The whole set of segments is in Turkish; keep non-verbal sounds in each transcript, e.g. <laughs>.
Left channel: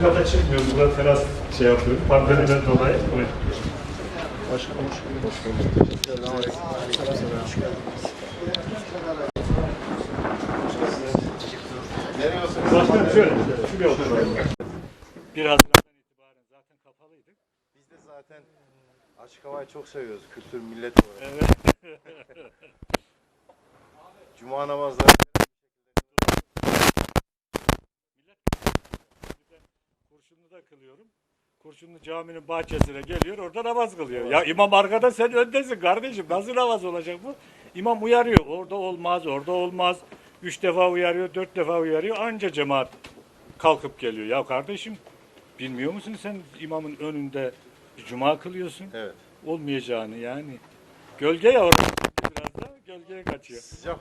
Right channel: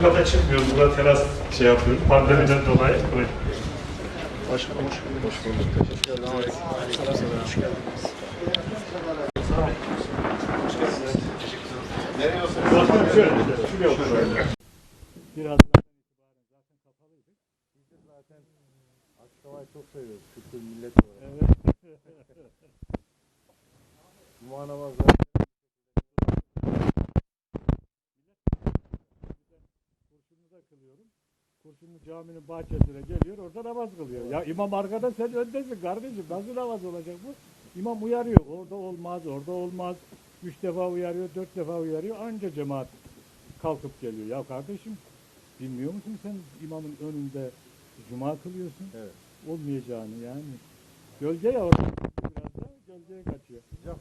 Burada çıkmıyoruz. Burada teras şey yapıyoruz. Pandemiden dolayı. Evet. Başkanım hoş bulduk. Hoş bulduk. Teşekkür ederim. Nereye oturuyorsunuz? Başkanım şöyle, şuraya oturalım. Bir Haziran'dan itibaren zaten kapalıydık. Biz de zaten açık havayı çok seviyoruz kültür millet olarak. Evet. <laughs> Cuma namazları kılıyorum. Kurşunlu caminin bahçesine geliyor, orada namaz kılıyor. Ya imam arkada sen öndesin kardeşim. Nasıl namaz olacak bu? İmam uyarıyor. Orada olmaz, orada olmaz. Üç defa uyarıyor, dört defa uyarıyor. Anca cemaat kalkıp geliyor. Ya kardeşim bilmiyor musun sen imamın önünde bir cuma kılıyorsun? evet. Olmayacağını yani. Gölge ya orada biraz da gölgeye kaçıyor. Sıcak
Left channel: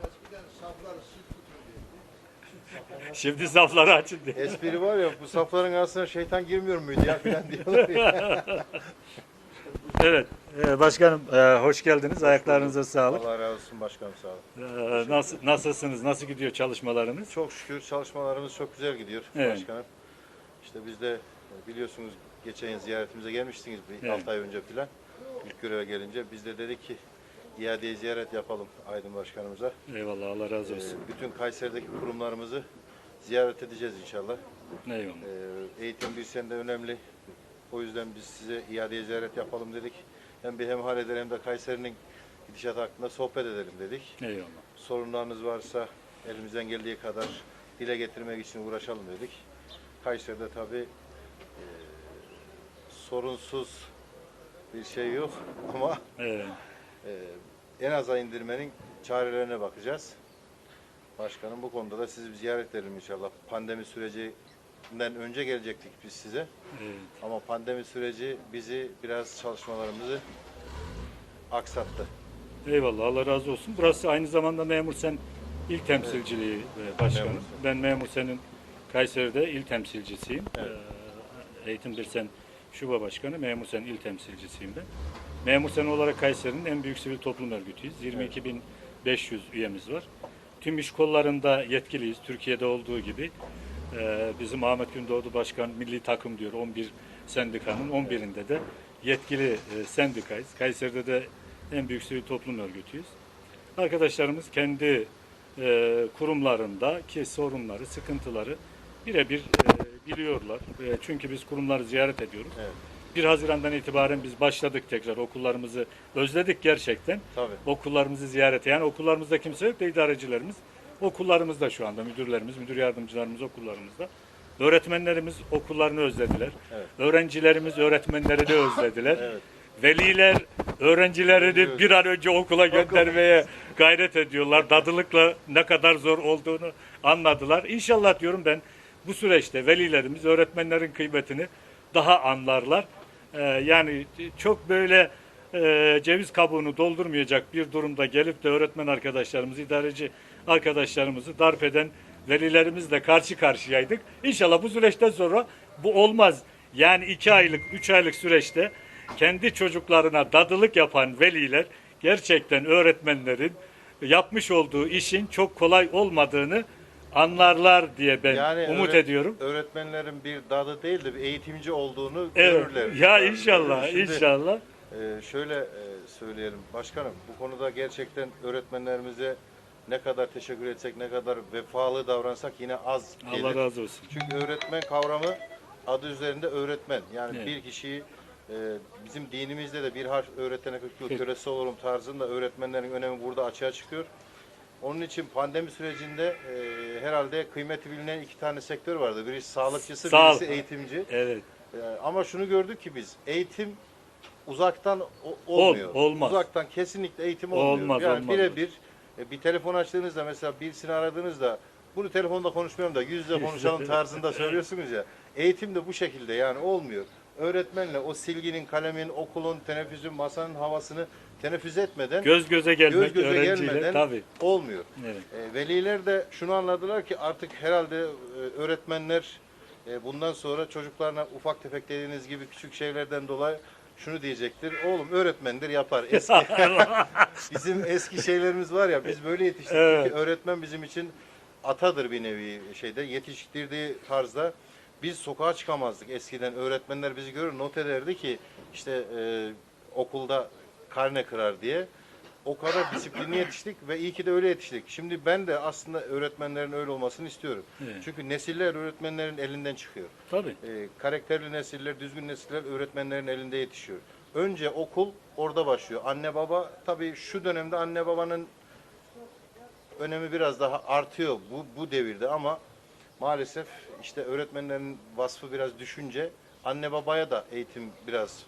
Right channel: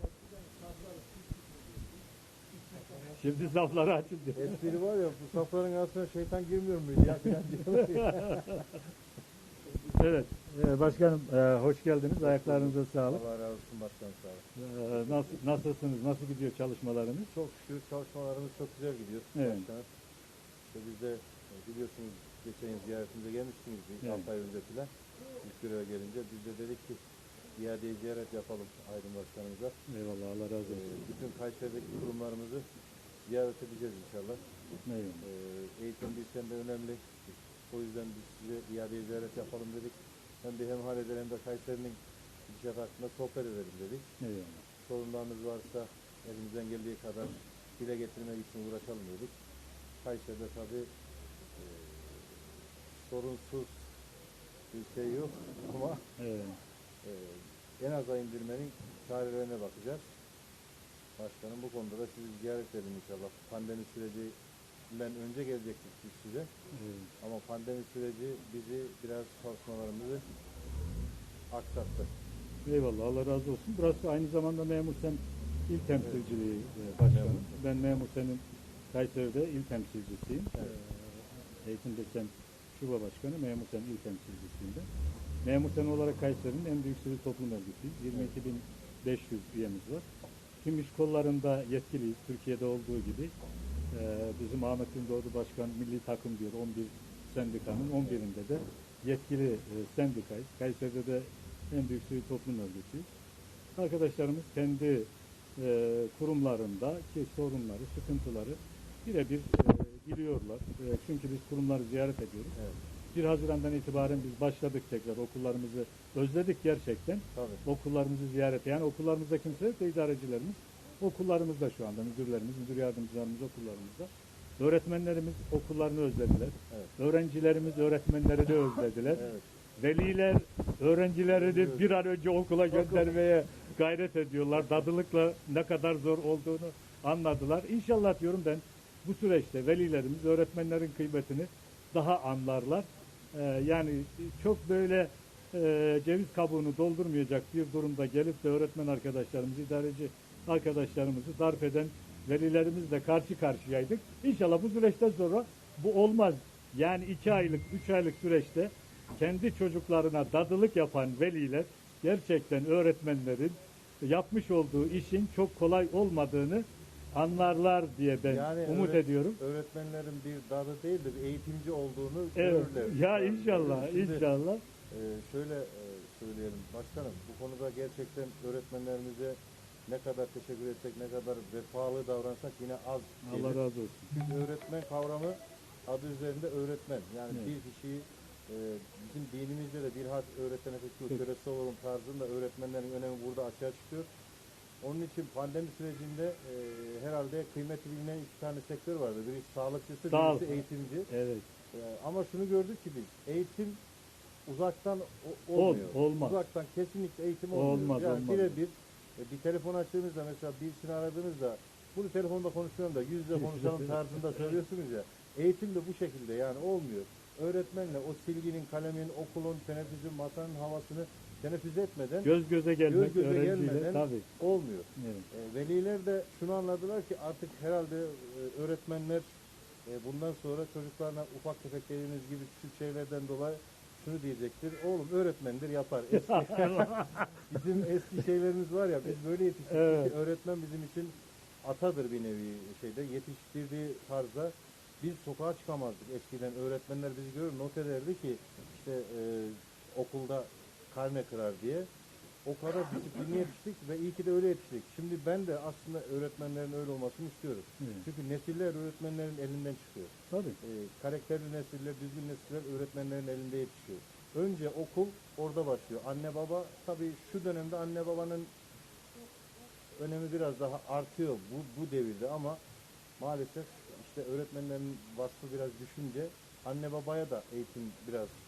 Şimdi safları açın diye. espri var ya bu safların arasına şeytan girmiyor muydu ya filan diyorlar ya. Evet, e, başkanım e, hoş geldiniz. Ayaklarınıza sağlık. Allah razı olsun başkanım sağ olun. E, Nasıl, nasılsınız? Nasıl gidiyor çalışmalarınız? Çok şükür çalışmalarımız çok güzel gidiyor Evet. başkanım. İşte biz de e, biliyorsunuz geçen yıl ziyaretimize gelmiştiniz bir Evet. 6 ay önce filan. İlk göreve gelince biz de dedik ki iadeye ziyaret yapalım Aydın Başkanımıza. Eyvallah, Allah razı Ee, olsun. bütün Kayseri'deki kurumlarımızı ziyaret edeceğiz inşallah. Eyvallah. Ee, eğitim bir sende önemli. O yüzden biz size iadeye ziyaret yapalım dedik. Hem bir hemhal eder hem de Kayseri'nin gidişatı hakkında sohbet edelim dedik. Eyvallah. Sorunlarınız varsa elimizden geldiği kadar dile getirmek için uğraşalım dedik. Kayseri'de tabii e, sorunsuz bir şey yok ama Evet. e, en aza indirmenin çarelerine bakacağız. Başkanım bu konuda da sizi bir ziyaret edelim inşallah. Pandemi sürecinden önce gelecektik biz size. evet. Ama pandemi süreci bizi biraz çalışmalarımızı aksattı. Eyvallah, Allah razı olsun. Burası aynı zamanda Memur Sen il temsilciliği e, başkanım. Memur. Ben Memur Sen'in Kayseri'de il temsilcisiyim. Evet. E, Eğitim Bir Sen Şube Başkanı, Memur Sen il temsilcisiyim ben. Memur Sen olarak Kayseri'nin en büyük sivil toplum örgütüyüz. 22.500 üyemiz var. Tüm iş kollarında yetkiliyiz. Türkiye'de olduğu gibi. E, bizim Ahmet Gündoğdu Başkan milli takım diyor 11 sendikanın 11'inde de yetkili e, sendikayız. Kayseri'de de en büyük sivil toplum örgütüyüz. Arkadaşlarımız kendi e, kurumlarındaki sorunları, sıkıntıları birebir e, biliyorlar. E, çünkü biz kurumları ziyaret ediyoruz. Evet. 1 Haziran'dan itibaren biz başladık tekrar okullarımızı özledik gerçekten. Tabii. Okullarımızı ziyarete. Yani okullarımızda kimse yok da idarecilerimiz. Okullarımızda şu anda müdürlerimiz, müdür yardımcılarımız okullarımızda. Öğretmenlerimiz okullarını özlediler. Evet. Öğrencilerimiz öğretmenlerini özlediler. <laughs> Evet. Veliler öğrencilerini bir an önce okula göndermeye gayret ediyorlar. Dadılıkla ne kadar zor olduğunu anladılar. İnşallah diyorum ben bu süreçte velilerimiz öğretmenlerin kıymetini daha anlarlar. Ee, yani çok böyle e, ceviz kabuğunu doldurmayacak bir durumda gelip de öğretmen arkadaşlarımızı, idareci arkadaşlarımızı darp eden velilerimizle karşı karşıyaydık. İnşallah bu süreçten sonra bu olmaz. Yani iki aylık, üç aylık süreçte kendi çocuklarına dadılık yapan veliler gerçekten öğretmenlerin yapmış olduğu işin çok kolay olmadığını anlarlar diye ben umut öğret- ediyorum. Öğretmenlerin bir dadı değil de bir eğitimci olduğunu Evet. görürler. Ya Yani inşallah, şimdi, inşallah. e, şöyle e, söyleyelim başkanım bu konuda gerçekten öğretmenlerimize ne kadar teşekkür etsek ne kadar vefalı davransak yine az gelir. Allah razı olsun. Çünkü öğretmen kavramı adı üzerinde öğretmen. Yani Evet. bir kişiyi e, bizim dinimizde de bir harf öğretene 40 yıl Peki. kölesi olurum tarzında öğretmenlerin önemi burada açığa çıkıyor. Onun için pandemi sürecinde e, herhalde kıymeti bilinen iki tane sektör vardı. Birisi sağlıkçısı, Sağ ol. birisi eğitimci. Evet. E, ama şunu gördük ki biz eğitim uzaktan o- Ol- olmuyor. olmaz. Uzaktan kesinlikle eğitim olmuyor. Olmaz, yani birebir e, bir telefon açtığınızda mesela birisini aradığınızda bunu telefonda konuşmuyorum da yüz yüze konuşalım tarzında söylüyorsunuz ya. Eğitim de bu şekilde yani olmuyor. Öğretmenle o silginin, kalemin, okulun, teneffüsün, masanın havasını teneffüs etmeden Göz göze gelmek göz göze öğrenciyle gelmeden tabii. olmuyor. Evet. E, veliler de şunu anladılar ki artık herhalde e, öğretmenler e, bundan sonra çocuklarına ufak tefek dediğiniz gibi küçük şeylerden dolayı şunu diyecektir. Oğlum öğretmendir yapar. Eski <laughs> <laughs> bizim eski şeylerimiz var ya biz böyle yetiştirdik Evet. ki öğretmen bizim için atadır bir nevi şeyde yetiştirdiği tarzda biz sokağa çıkamazdık eskiden. Öğretmenler bizi görür not ederdi ki işte e, okulda karne kırar diye. O kadar disiplinli yetiştik ve iyi ki de öyle yetiştik. Şimdi ben de aslında öğretmenlerin öyle olmasını istiyorum. Evet. Çünkü nesiller öğretmenlerin elinden çıkıyor. Tabii. E, karakterli nesiller, düzgün nesiller öğretmenlerin elinde yetişiyor. Önce okul orada başlıyor. Anne baba tabii şu dönemde anne babanın önemi biraz daha artıyor bu bu devirde ama maalesef işte öğretmenlerin vasfı biraz düşünce anne babaya da eğitim biraz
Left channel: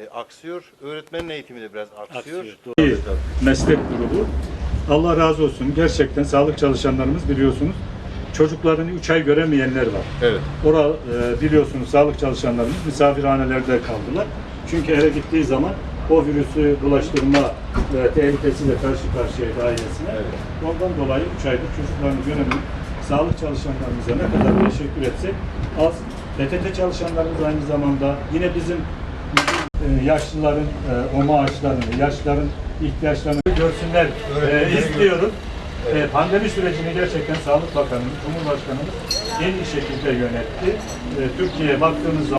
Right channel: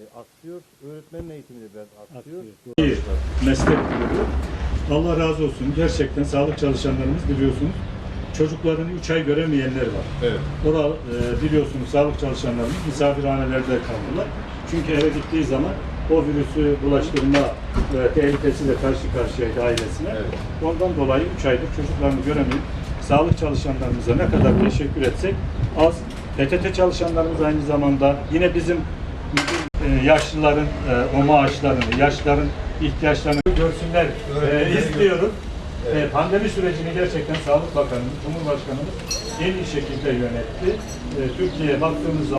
e, aksıyor. Öğretmenin eğitimi de biraz aksıyor. Aksıyor, doğru. İyi. Meslek grubu. Allah razı olsun. Gerçekten sağlık çalışanlarımız biliyorsunuz. Çocuklarını 3 ay göremeyenler var. Evet. Ora e, biliyorsunuz sağlık çalışanlarımız misafirhanelerde kaldılar. Çünkü eve gittiği zaman o virüsü bulaştırma e, tehlikesiyle karşı karşıyaydı ailesine. Evet. Ondan dolayı 3 aydır çocuklarını göremeyip sağlık çalışanlarımıza ne kadar teşekkür etsek az. PTT çalışanlarımız aynı zamanda yine bizim bizim, e, yaşlıların e, o maaşlarını, yaşlıların ihtiyaçlarını görsünler e, istiyoruz. Evet. E, pandemi sürecini gerçekten Sağlık Bakanımız, Cumhurbaşkanımız en iyi şekilde yönetti. E, Türkiye'ye baktığımız zaman